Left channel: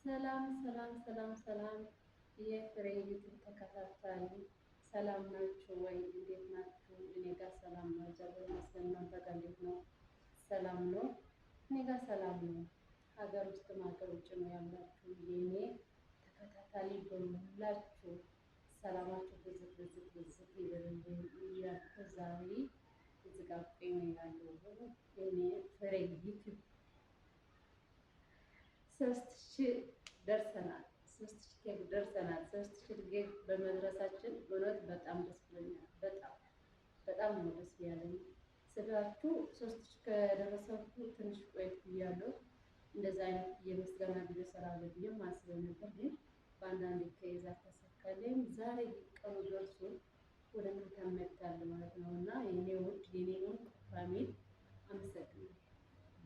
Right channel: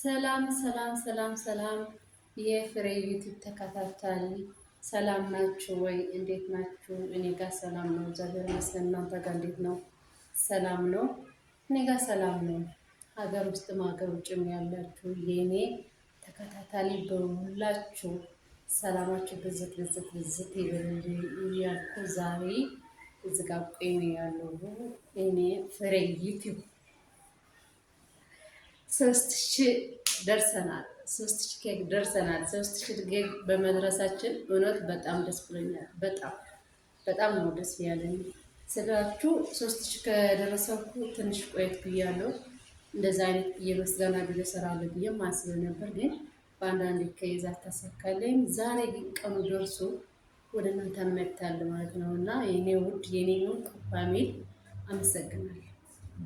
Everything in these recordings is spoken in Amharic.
ሰላም ሰላም ሰላም ሰላም የፍሬ ዩቲዩብ ተከታታይ ሰላም ናችሁ ወይ? እንዴት ናችሁ? እኔ ጋር ሰላም ነው፣ እግዚአብሔር ይመስገን። እናንተ ጋር እንዴት ነው? ሰላም ነው? እኔ ጋር ሰላም ነው። ሀገር ውስጥም ሀገር ውጭም ያላችሁ የእኔ ተከታታይ በሁላችሁ ሰላማችሁ ብዝት ብዝት ብዝት ይበልልኝ እያልኩ ዛሬ እዚህ ጋር ቆሜ ያለው እኔ ፍሬ ዩቲዩብ 3000 ደርሰናል። 3000 ኬክ ደርሰናል። 3000 ኬክ በመድረሳችን እውነት በጣም ደስ ብሎኛል። በጣም ነው ደስ ያለኝ ስላችሁ 3000 ከደረሰኩ ትንሽ ቆየት ብያለሁ። እንደዛ አይነት የምስጋና ቪዲዮ እሰራለሁ ብዬ ማስብ ነበር፣ ግን በአንዳንድ ከይዛ ተሳካለኝ። ዛሬ ግን ቀኑ ደርሶ ወደ እናንተ መጥቻለሁ ማለት ነው እና የኔ ውድ የኔ ፋሚሊ አመሰግናለሁ፣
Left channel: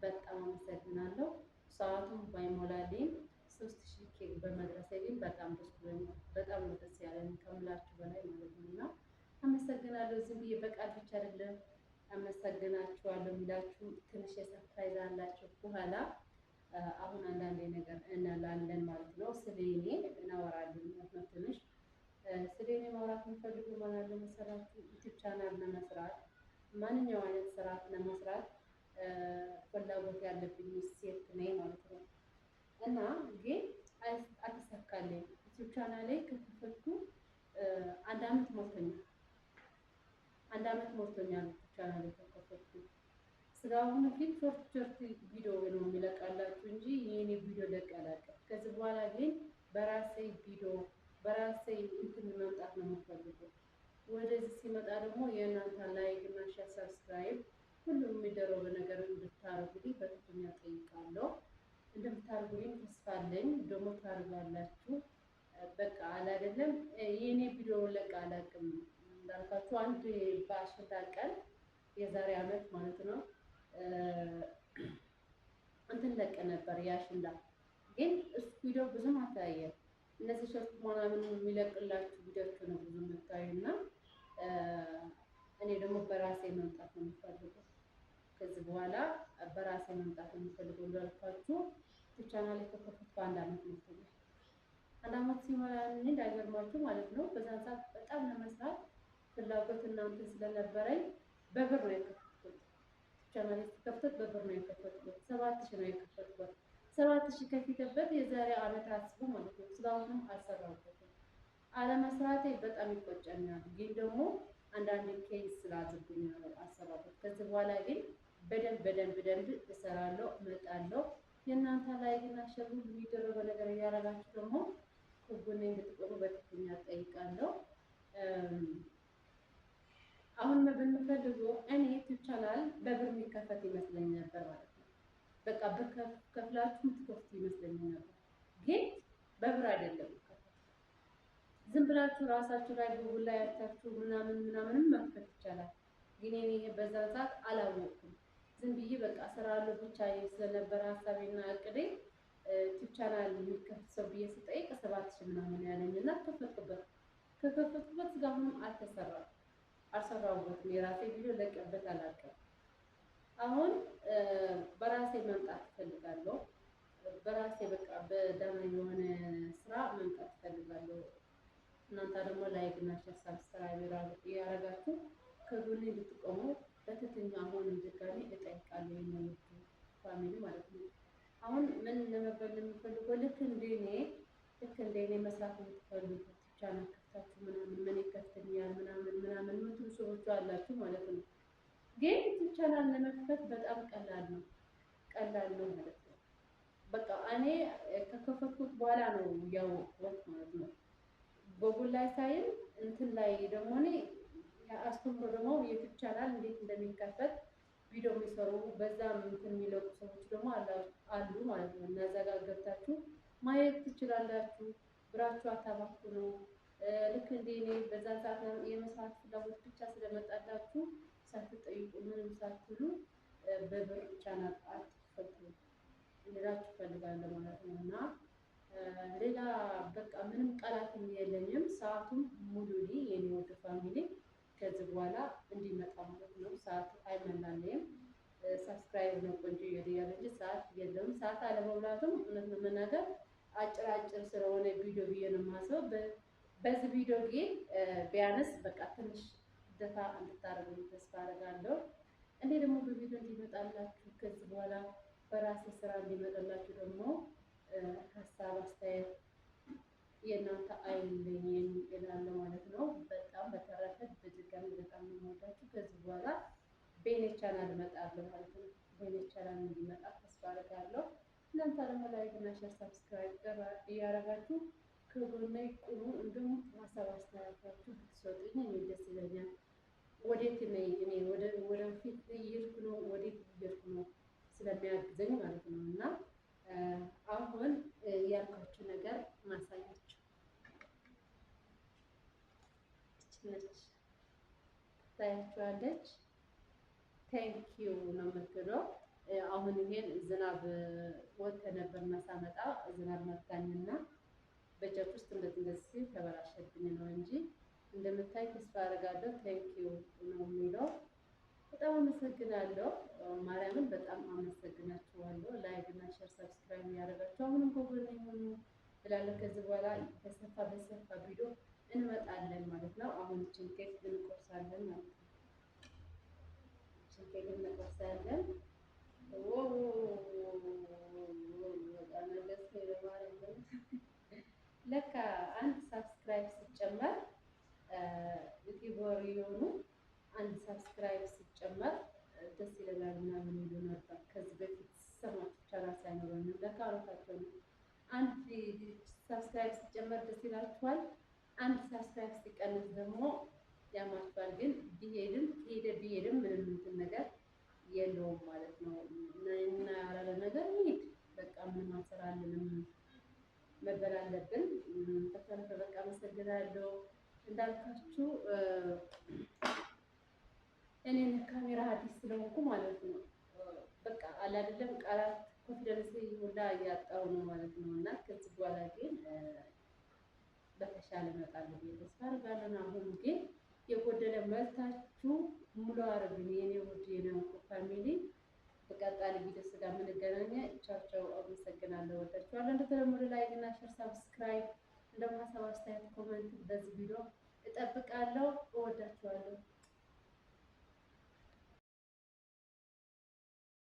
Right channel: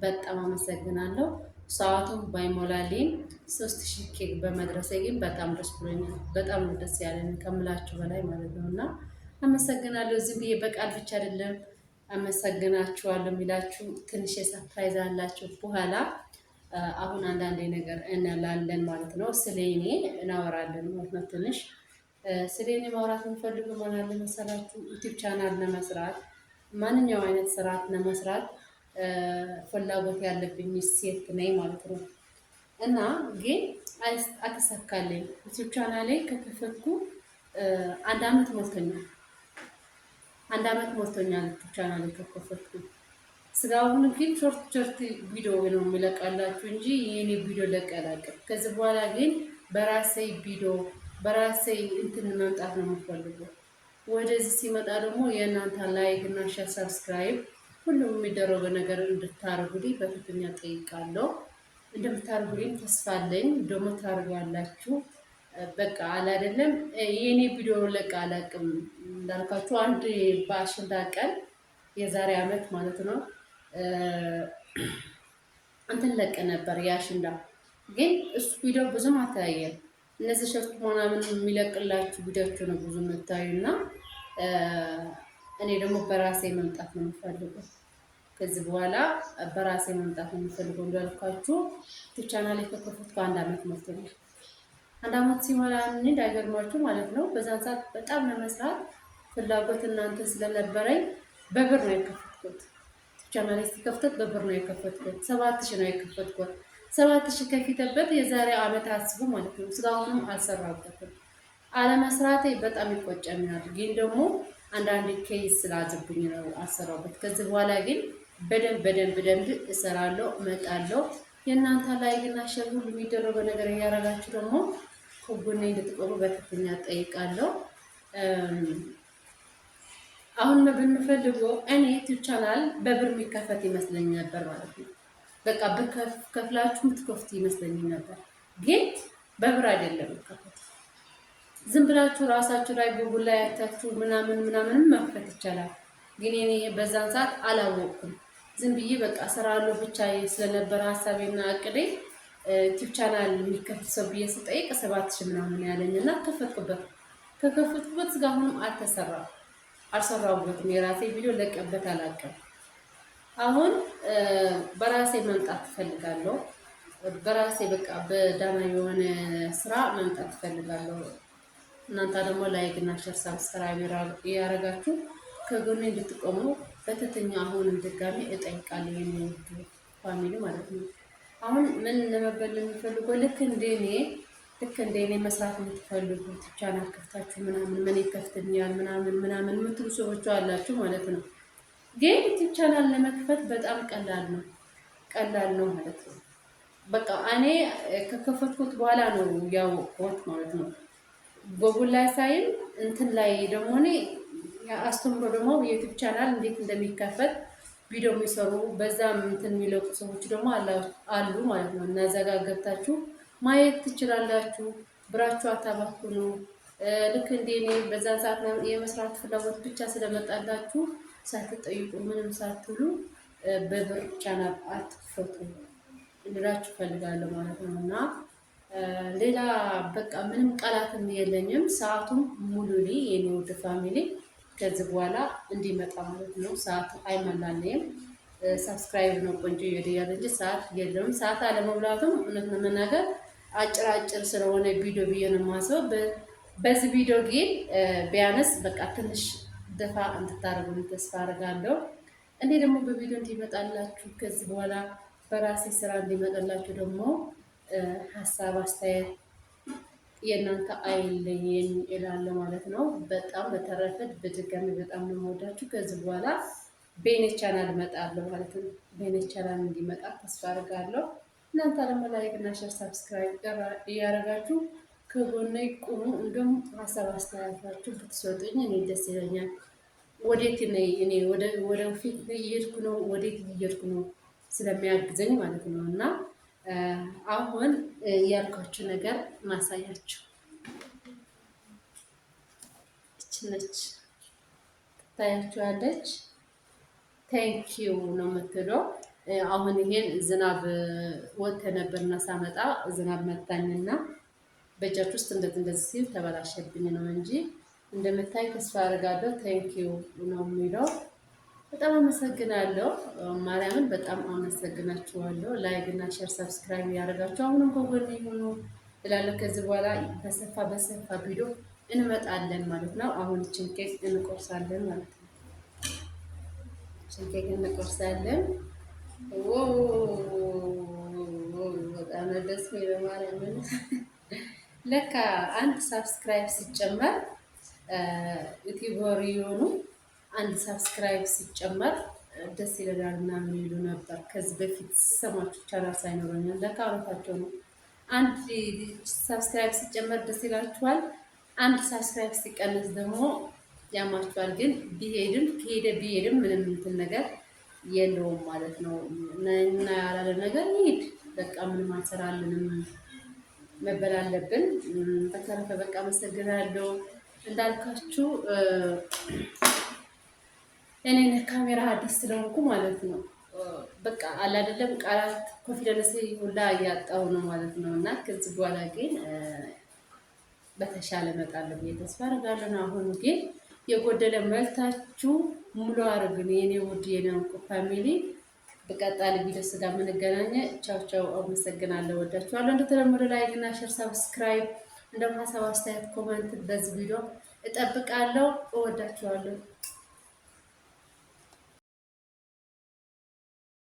በጣም አመሰግናለሁ። ሰዓቱም ባይሞላልኝ 3000 ኬክ በመድረሴ ግን በጣም ደስ ብሎኛል። በጣም ነው ደስ ያለኝ ከምላችሁ በላይ ማለት ነው እና አመሰግናለሁ። ዝም ብዬ በቃል ብቻ አይደለም አመሰግናችኋለሁ የሚላችሁ ትንሽ የሰርፕራይዝ አላችሁ በኋላ። አሁን አንዳንዴ ነገር እንላለን ማለት ነው። ስለኔ እናወራለን ማለት ነው። ትንሽ ስለኔ ማውራት የምፈልጉ ምን አለ መሰላችሁ፣ ዩቲዩብ ቻናል ለመስራት ማንኛውም አይነት ስርዓት ለመስራት ፍላጎት ያለብኝ ሴት ነኝ ማለት ነው እና ግን አልተሳካልኝ። ዩቲዩብ ቻናሌ ከከፈትኩ አንድ አመት ሞልቶኛል። ዩቲዩብ ቻናሌ ከከፈትኩ ስራውን ግን ሾርት ቪዲዮ ነው የሚለቃላችሁ እንጂ የኔ ቪዲዮ ለቀላቀል። ከዚህ በኋላ ግን በራሴ ቪዲዮ በራሴ እንትን መምጣት ነው የምፈልገው። ወደዚህ ሲመጣ ደግሞ የእናንተ ላይክ እና ሼር ሰብስክራይብ ሁሉም የሚደረገው ነገር እንድታርጉልኝ በትህትና ጠይቃለሁ። እንደምታርጉልኝ ተስፋ አለኝ። ደግሞ ታርጋላችሁ። በቃ አለ አይደለም የኔ ቪዲዮ ለቃ አላቅም እንዳልኳችሁ አንድ በአሸንዳ ቀን የዛሬ አመት ማለት ነው እንትን ለቀ ነበር የአሸንዳ። ግን እሱ ቪዲዮ ብዙም አታያየም። እነዚህ ሸርት ምናምን የሚለቅላችሁ ቪዲዮቹ ነው ብዙ የምታዩና እኔ ደግሞ በራሴ መምጣት ነው የምፈልገው። ከዚህ በኋላ በራሴ መምጣት ነው የምፈልገው። እንዳልኳችሁ ቻናሌ ከከፈትኩ አንድ አመት ሞልቶኛል። አንድ አመት ሲሞላ እንዳይገርማችሁ ማለት ነው። በዛን ሰዓት በጣም ለመስራት ፍላጎት እናንተ ስለነበረኝ በብር ነው የከፈትኩት። ቻናሌ ሲከፍት በብር ነው የከፈትኩት። 7000 ነው የከፈትኩት። 7000 ከፊተበት የዛሬ አመት አስቡ ማለት ነው። እስካሁንም አልሰራበትም። አለመስራቴ በጣም ይቆጨኛል። ግን ደግሞ አንዳንድ ኬስ ስላዘብኝ ነው አሰራበት። ከዚህ በኋላ ግን በደንብ እሰራለሁ፣ እመጣለሁ። የእናንተ ላይክ እና ሼር ሁሉ የሚደረገው ነገር እያደረጋችሁ ደግሞ ከጎኔ እንድትቆሙ በትህትና እጠይቃለሁ። አሁን ብንፈልገው እኔ ዩቲዩብ ቻናል በብር የሚከፈት ይመስለኝ ነበር ማለት ነው። በቃ በከፍላችሁ የምትከፍቱ ይመስለኝ ነበር፣ ግን በብር አይደለም የሚከፈት። ዝም ብላችሁ ራሳችሁ ላይ ጉግል ላይ ያታችሁ ምናምን መክፈት ይቻላል። ግን እኔ በዛን ሰዓት አላወቅኩም። ዝም ብዬ በቃ እሰራለሁ ብቻ ስለነበረ ሀሳቤና አቅዴ ዩቲዩብ ቻናል የሚከፍት ሰው ብዬ ስጠይቅ 7000 ምናምን ያለኝና ከፈትኩበት። ከከፈትኩበት እስካሁንም አልሰራሁበትም። የራሴ ቪዲዮ ለቀበት አላውቅም። አሁን በራሴ መምጣት ትፈልጋለሁ። በራሴ በቃ በዳና የሆነ ስራ መምጣት ትፈልጋለሁ። እናንተ ደግሞ ላይክ እና ሼር ሰብስክራይብ ያደረጋችሁ ከጎኔ እንድትቆሙ በትህትና አሁንም ድጋሚ እጠይቃለሁ። የሚወዱ ፋሚሊ ማለት ነው። አሁን ምን ለመበል የሚፈልገው ልክ እንደኔ መስራት የምትፈልጉት ቻናል ከፍታችሁ ምን ይከፍትኛል ምናምን የምትሉ ሰዎች አላችሁ ማለት ነው። ግን ዩቲዩብ ቻናል ለመክፈት በጣም ቀላል ነው ማለት ነው። በቃ እኔ ከከፈትኩት በኋላ ነው ያወቅሁት ማለት ነው። ጎግል ላይ ሳይል እንትን ላይ ደግሞ እኔ አስተምሮ ደግሞ የዩቲዩብ ቻናል እንዴት እንደሚከፈት ቪዲዮ የሚሰሩ በዛም እንትን የሚለቁ ሰዎች ደግሞ አሉ ማለት ነው። እና እዛ ጋር ገብታችሁ ማየት ትችላላችሁ። ብራችሁ አታባክኑ። ልክ እንደኔ በዛ ሰዓት የመስራት ፍላጎት ብቻ ስለመጣላችሁ ሳትጠይቁ ምንም ሳትሉ በብር ቻናል አትክፈቱ እንላችሁ ፈልጋለሁ ማለት ነው እና ሌላ በቃ ምንም ቃላትም የለኝም። ሰዓቱም ሙሉ ላይ የኔ ውድ ፋሚሊ ከዚህ በኋላ እንዲመጣ ማለት ነው። ሰዓት አይመላለኝም። ሰብስክራይብ ነው ቆንጆ ይወደያል እንጂ ሰዓት የለውም። ሰዓት አለመብላቱም እውነት ለመናገር አጭር ስለሆነ ቪዲዮ ብዬ ነው የማስበው። በዚህ ቪዲዮ ግን ቢያንስ በቃ ትንሽ ደፋ እንድታደርጉ ተስፋ አደርጋለሁ። እኔ ደግሞ በቪዲዮ እንዲመጣላችሁ ከዚህ በኋላ በራሴ ስራ እንዲመጣላችሁ ደግሞ ሀሳብ አስተያየት የእናንተ አይለየኝ እላለሁ ማለት ነው። በጣም በተረፈ በድጋሚ በጣም ነው የምወዳችሁ። ከዚህ በኋላ በኔ ቻናል እመጣለሁ ማለት ነው። በኔ ቻናል እንዲመጣ ተስፋ አደርጋለሁ። እናንተ ደግሞ ላይክ እና ሼር ሰብስክራይብ እያደረጋችሁ ከጎኔ ቁሙ። እንዲሁም ሀሳብ አስተያየታችሁ ብትሰጡኝ እኔ ደስ ይለኛል። ወዴት እኔ ወደ ፊት እየሄድኩ ነው፣ ወዴት እየሄድኩ ነው ስለሚያግዘኝ ማለት ነው። እና አሁን ያልኳችሁ ነገር ማሳያችሁ እች ነች፣ ትታያችኋለች። ቴንኪው ነው የምትለው። አሁን ይሄን ዝናብ ወጥተ ነበርና ሳመጣ ዝናብ መታኝና በእጃች ውስጥ እንደዚህ ሲል ተበላሸብኝ ነው እንጂ እንደምታይ ተስፋ አደርጋለሁ። ቴንኪው ነው የሚለው። በጣም አመሰግናለሁ። ማርያምን በጣም አመሰግናችኋለሁ። ላይክ እና ሼር ሰብስክራይብ ያደርጋችሁ አሁንም ከጎኔ ሆኖ እላለሁ። ከዚህ በኋላ በሰፋ ቪዲዮ እንመጣለን ማለት ነው። አሁን እችን ኬክ እንቆርሳለን ማለት ነው። እችን ኬክ እንቆርሳለን። በጣም ደስ የሚለው ማርያምን ለካ አንድ ሰብስክራይብ ሲጨመር ዩቲዩበር የሆኑ አንድ ሰብስክራይብ ሲጨመር ደስ ይላል ምናምን ይሉ ነበር። ከዚህ በፊት ሰማችሁ ቻናል ሳይኖረኝ ለካ አውርታቸው ነው። አንድ ሰብስክራይብ ሲጨመር ደስ ይላችኋል፣ አንድ ሰብስክራይብ ሲቀንስ ደግሞ ያማችኋል። ግን ቢሄድም ምንም እንትን ነገር የለውም ማለት ነው። እና ያላለ ነገር ይሄድ በቃ ምንም አንሰራልንም፣ መበል አለብን። በተረፈ በቃ አመሰግናለሁ። እንዳልካችሁ እኔ ካሜራ አዲስ ስለሆንኩ ማለት ነው በቃ አላደለም ቃላት ኮንፊደንስ ሁላ እያጣሁ ነው ማለት ነው። እና ከዚህ በኋላ ግን በተሻለ እመጣለሁ ብዬ ተስፋ አደርጋለሁ። አሁን ግን የጎደለ መልታችሁ ሙሉ አድርጉን የኔ ውድ የኔ እንቁ ፋሚሊ። በቀጣይ ቪዲዮ ስጋ የምንገናኘ። ቻው ቻው። አመሰግናለሁ። ወዳችኋለሁ። እንደተለመደው ላይክ እና ሼር ሰብስክራይብ እንደውም ሀሳብ አስተያየት ኮሜንት በዚህ ቪዲዮ እጠብቃለሁ። እወዳችኋለሁ።